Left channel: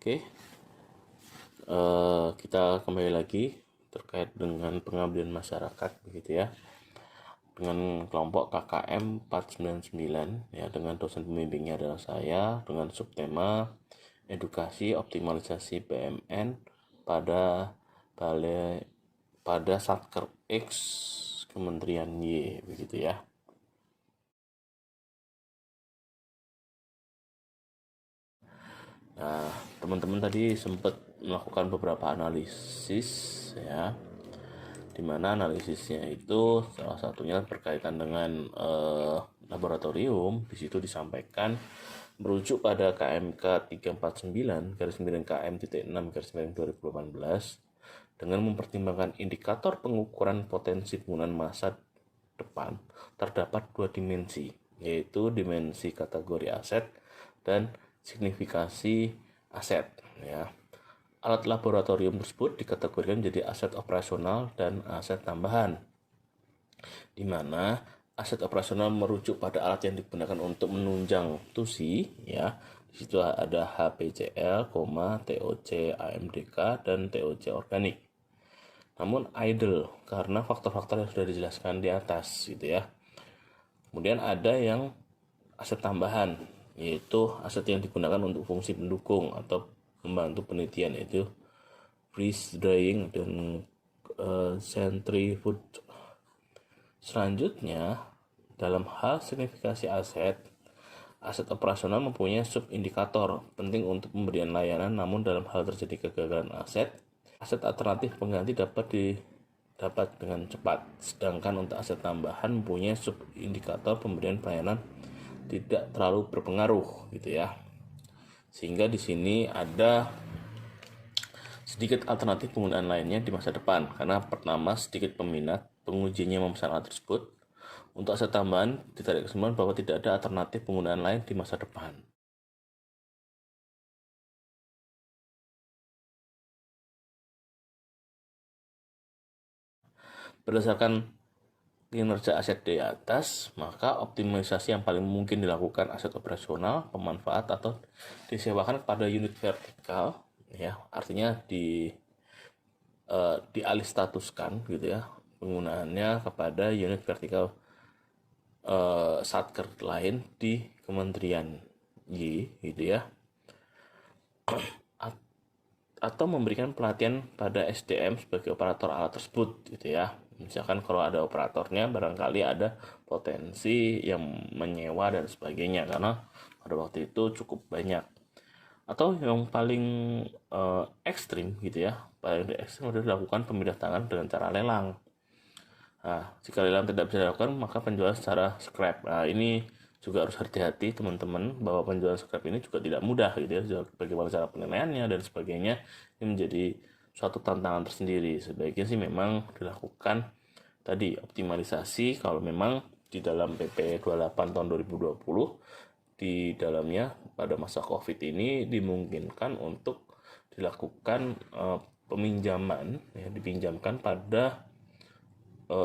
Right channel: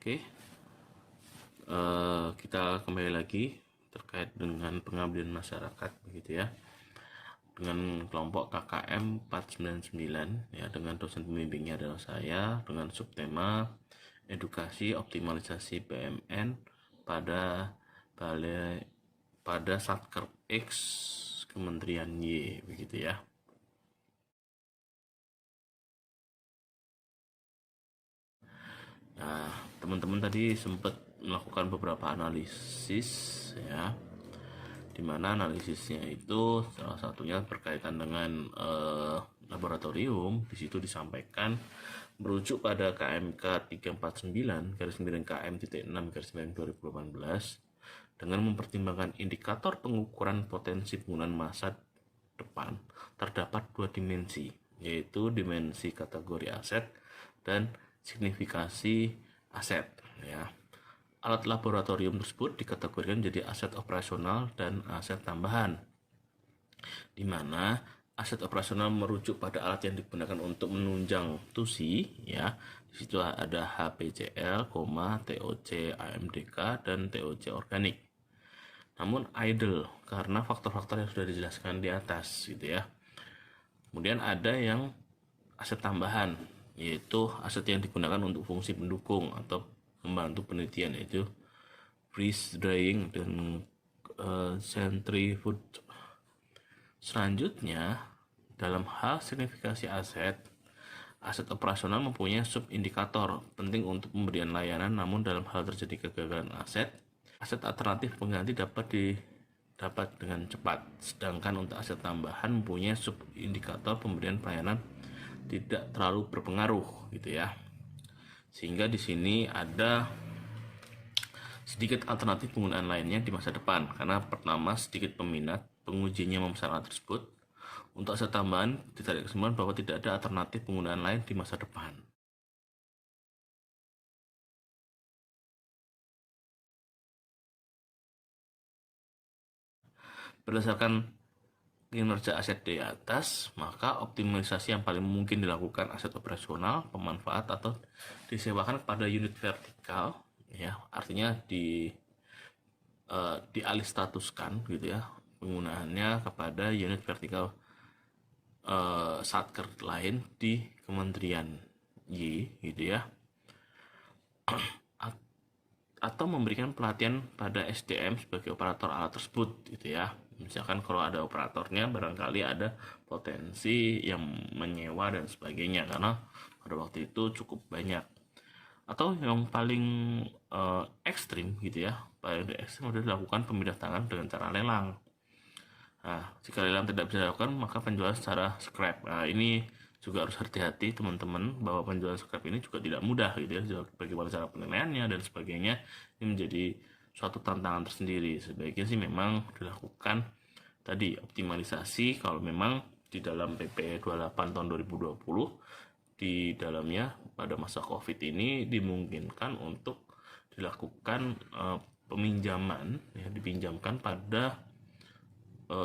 Oke, kita kembali lagi terkait dengan pengabdian masyarakat begitu ya, dengan kelompok KKM 499 ya, dengan dosen pembimbingnya adalah saya, dengan subtema edukasi optimalisasi PMN pada Satker X Kementerian Y begitu ya. Nah, teman-teman tadi sempat melakukan beberapa analisis ya, dimana analisisnya itu salah satunya berkaitan dengan laboratorium. Di situ disampaikan merujuk pada KMK 349 garis miring KM.6 garis miring 2018 dengan mempertimbangkan indikator pengukuran potensi penggunaan masa depan terdapat dua dimensi, yaitu dimensi kategori aset dan signifikasi aset ya. Alat laboratorium tersebut dikategorikan menjadi aset operasional dan aset tambahan, di mana aset operasional merujuk pada alat yang digunakan untuk menunjang TUSI ya. Di situ ada HPCL, TOC AMDK dan TOC organik. Namun idle karena faktor-faktor yang sudah dijelaskan di atas gitu ya. Kemudian ada yang aset tambahan, yaitu aset yang digunakan untuk fungsi pendukung atau membantu penelitian, yaitu freeze drying dan centrifuge. Selanjutnya, dalam hal signifikasi aset operasional mempunyai subindikator penting untuk pemberian layanan, namun dalam hal terjadi kegagalan aset alternatif pengganti dapat dengan cepat. Sedangkan untuk aset tambahan mempunyai subindikator pemberian pelayanan tidak terlalu berpengaruh gitu ya. Sehingga di sini ada sedikit alternatif penggunaan lainnya di masa depan, karena pertama sedikit peminat pengujinya memesan alat tersebut. Untuk aset tambahan ditarik kesimpulan bahwa tidak ada alternatif penggunaan lain di masa depan. Berdasarkan kinerja aset di atas, maka optimalisasi yang paling mungkin dilakukan aset operasional, pemanfaat atau disewakan kepada unit vertikal ya, artinya dialih statuskan gitu ya penggunaannya kepada unit vertikal satker lain di Kementerian Y gitu ya, atau memberikan pelatihan pada SDM sebagai operator alat tersebut gitu ya. Misalkan kalau ada operatornya, barangkali ada potensi yang menyewa dan sebagainya, karena pada waktu itu cukup banyak. Atau yang paling ekstrim gitu ya, paling ekstrim adalah dilakukan pemindah tangan dengan cara lelang. Nah, jika lelang tidak bisa dilakukan, maka penjualan secara scrap. Nah, ini juga harus hati-hati teman-teman, bahwa penjualan scrap ini juga tidak mudah gitu ya. Bagaimana cara penilaiannya dan sebagainya, ini menjadi suatu tantangan tersendiri. Sebaiknya sih memang dilakukan tadi optimalisasi kalau memang di dalam PP 28 tahun 2020 di dalamnya pada masa Covid ini dimungkinkan untuk dilakukan peminjaman ya, dipinjamkan pada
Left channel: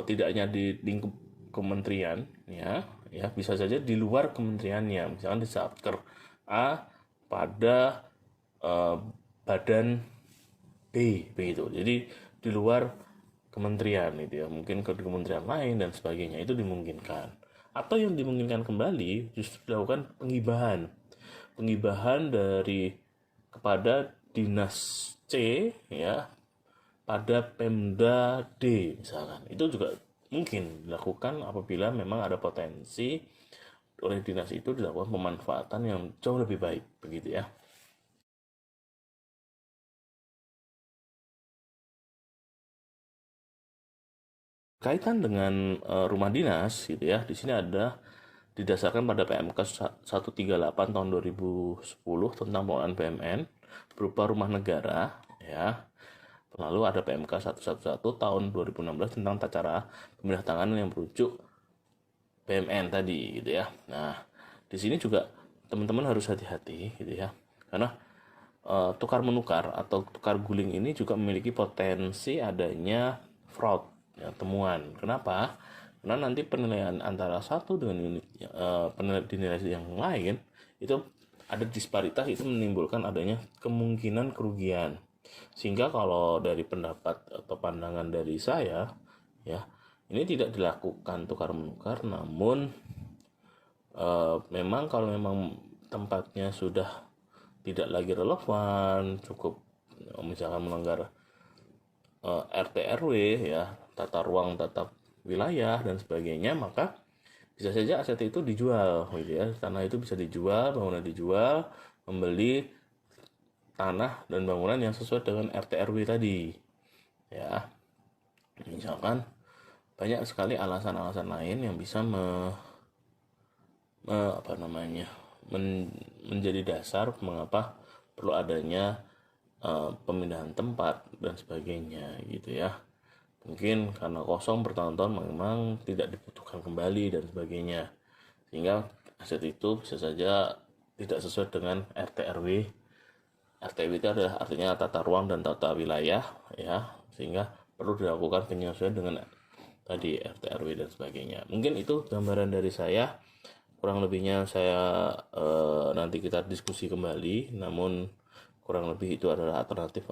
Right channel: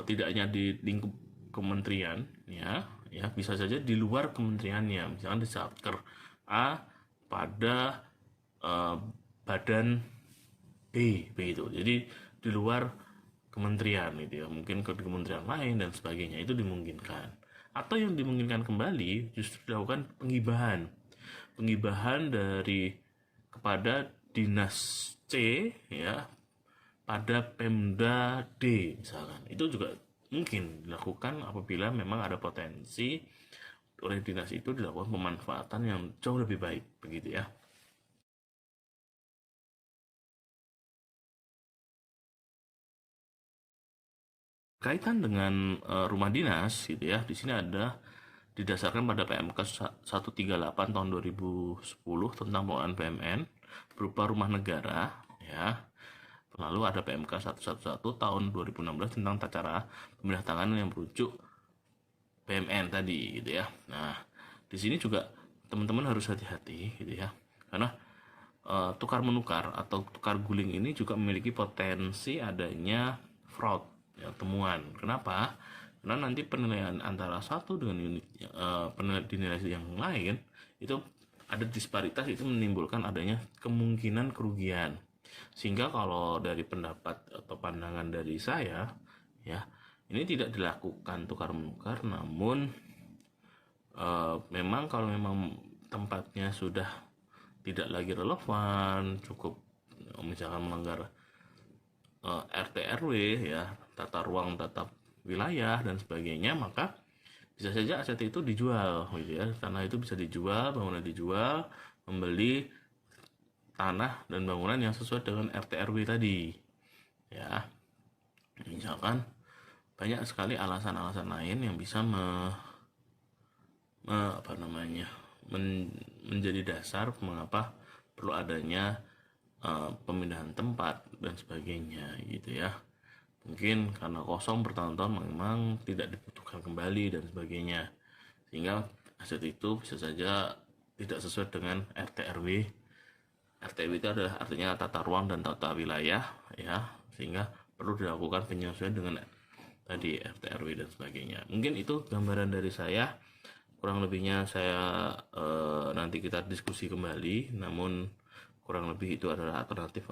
tidak hanya di lingkup kementerian ya bisa saja di luar kementeriannya, misalkan di Satker A pada badan B begitu, jadi di luar kementerian itu ya, mungkin ke kementerian lain dan sebagainya, itu dimungkinkan. Atau yang dimungkinkan kembali justru dilakukan penggibahan dari kepada dinas C ya pada Pemda D misalkan. Itu juga mungkin dilakukan apabila memang ada potensi oleh dinas itu dilakukan pemanfaatan yang jauh lebih baik begitu ya. Kaitan dengan rumah dinas gitu ya, di sini ada didasarkan pada PMK 138 tahun 2010 tentang pengelolaan PMN berupa rumah negara ya. Lalu ada PMK 111 tahun 2016 tentang tata cara pemindah tangan yang merujuk PMN tadi gitu ya. Nah, di sini juga teman-teman harus hati-hati gitu ya. Karena tukar menukar atau tukar guling ini juga memiliki potensi adanya fraud ya, temuan. Kenapa? Karena nanti penilaian antara satu dengan unit penilaian dinilai yang lain itu ada disparitas itu menimbulkan adanya kemungkinan kerugian. Sehingga kalau dari pendapat atau pandangan dari saya, ya, ini tidak dilakukan tukar menukar, namun memang kalau memang tempatnya sudah tidak lagi relevan, cukup misalkan melanggar RT RW, ya, tata ruang, tata wilayah dan sebagainya, maka bisa saja aset itu dijual gitu ya. Tanah itu bisa dijual, bangunan dijual, membeli tanah dan bangunan yang sesuai dengan RT RW tadi, ya. Misalkan banyak sekali alasan-alasan lain yang bisa apa namanya menjadi dasar mengapa perlu adanya pemindahan tempat dan sebagainya gitu ya. Mungkin karena kosong bertahun-tahun memang tidak dibutuhkan kembali dan sebagainya, sehingga aset itu bisa saja tidak sesuai dengan RT RW. RTW itu adalah artinya tata ruang dan tata wilayah, ya, sehingga perlu dilakukan penyesuaian dengan tadi RT RW dan sebagainya. Mungkin itu gambaran dari saya, kurang lebihnya saya nanti kita diskusi kembali, namun kurang lebih itu adalah alternatif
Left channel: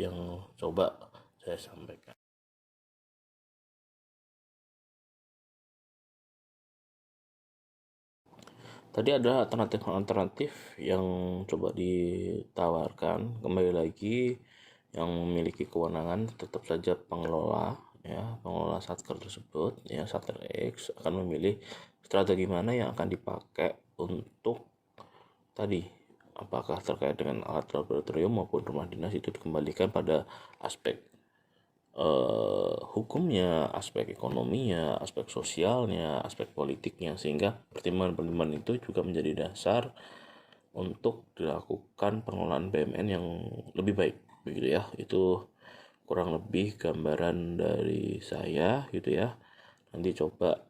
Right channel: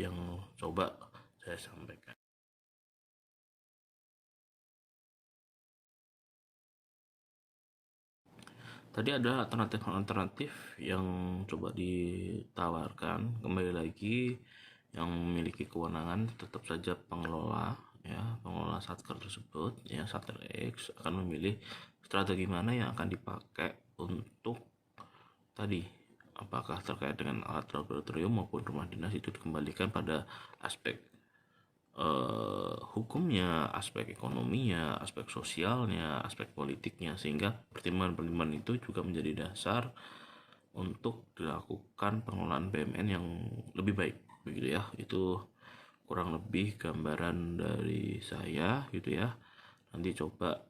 yang coba saya sampaikan. Tadi ada alternatif yang coba ditawarkan. Kembali lagi, yang memiliki kewenangan tetap saja pengelola, ya, pengelola satker tersebut, ya, satker X akan memilih strategi mana yang akan dipakai untuk tadi, apakah terkait dengan alat laboratorium maupun rumah dinas, itu dikembalikan pada aspek hukumnya, aspek ekonominya, aspek sosialnya, aspek politiknya, sehingga pertimbangan-pertimbangan itu juga menjadi dasar untuk dilakukan pengelolaan BUMN yang lebih baik, begitu ya. Itu kurang lebih gambaran dari saya gitu ya. Nanti coba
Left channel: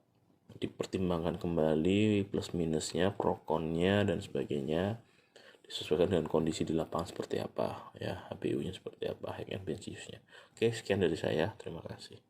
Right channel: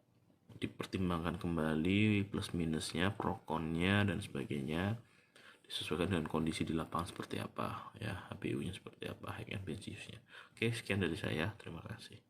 dipertimbangkan kembali plus minusnya, pro konnya dan sebagainya, disesuaikan dengan kondisi di lapangan seperti apa, ya, HBU-nya seperti apa, hack and bench use-nya. Oke, sekian dari saya. Terima kasih.